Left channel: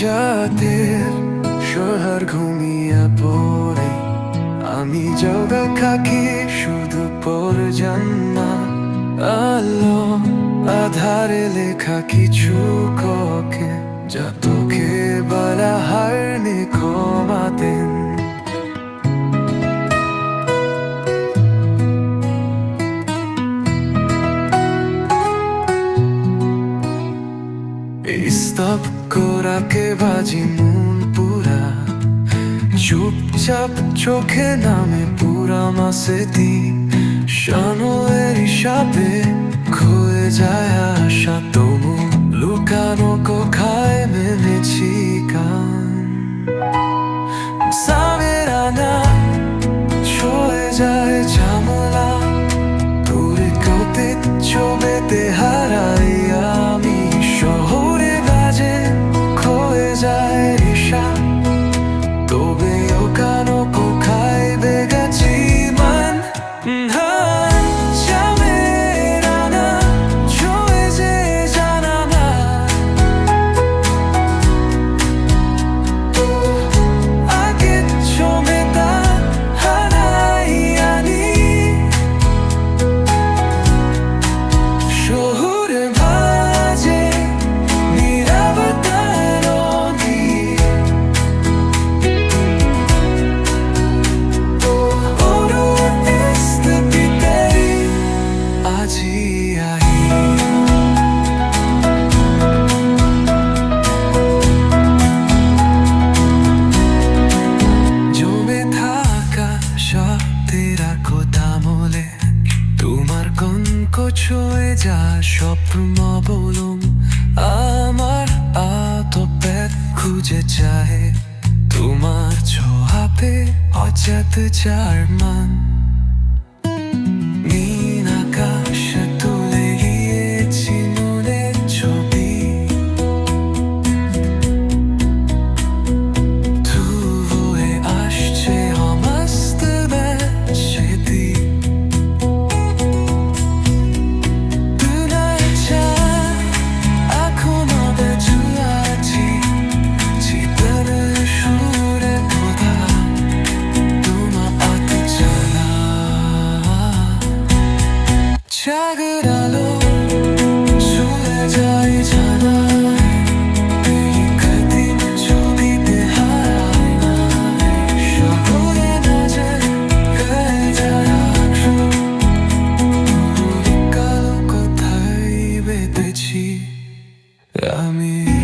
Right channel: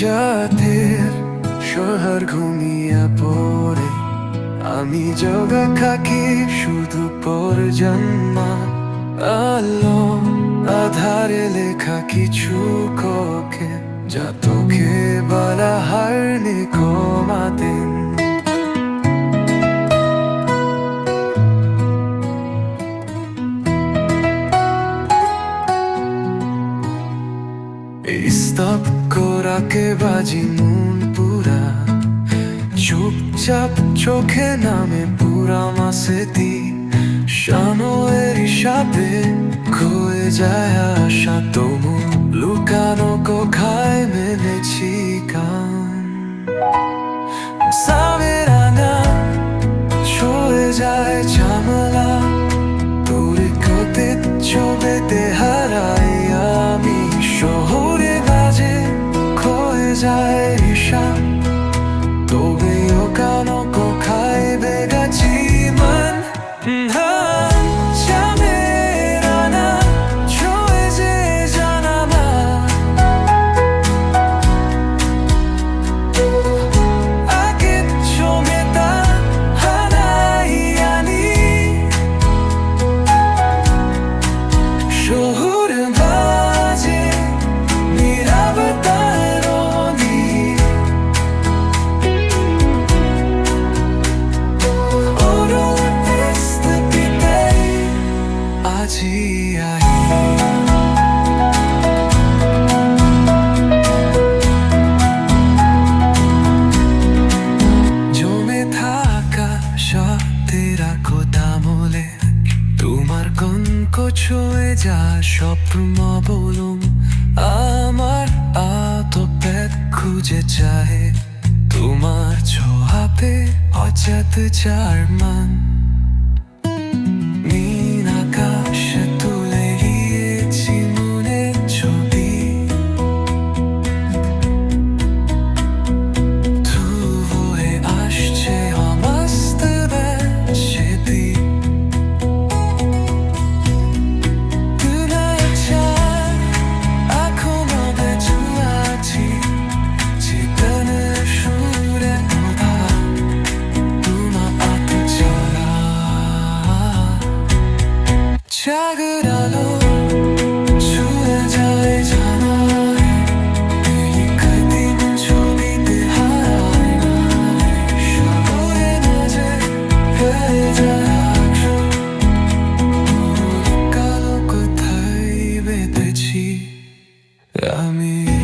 জাতের শহর ঘুমিয়ে পড়ে আমি জগা খাকি শুধু পর জন্মা আলো আধারে লেখা কিছু ককে যা তোকে বলা হারনি কমাতেন স্তব করাকে বাজি মন পুরা চুপচাপ চোখে নামে পুরা মাসেতি শানোয়ের হিসাবে খয়ে যায় আশা তবু লুকানো কোখায় মেলেছি কান সামের আনা ছয়ে যায় ঝামেলা তোরে কোতে ছবেতে হারাই আমি শহরে বাজে খয়ে যায় ঈশা তবে ওখানো কোখায় বেগাছি মন হান জামের আনা ছয়ে যে জানামা আগে ছমেতা শহর বাজে নীরবতায় নদী পিতারি আজি আই জমে থাকা সত্যের কথা বলে তোমার কনক ছুঁয়ে যা স্বপ্ন বলুম আমার আতপেট খুঁজে চায় তোমার ছোঁয়াতে অজাত চার মান নীল আকাশে তুলে গিয়েছি মনের ছবি ধুয়ে আসছে হমাস্তবে সেদি সুরে ওঠা তোমা আত ছাড়া জাগর আলো ছুঁয়ে যায় জানা এই কদিন ছবিতে হারায় না সাগরে নাচে হয়ে যায় আকশু পুরো কালো কোথায় বেঁধেছি আমি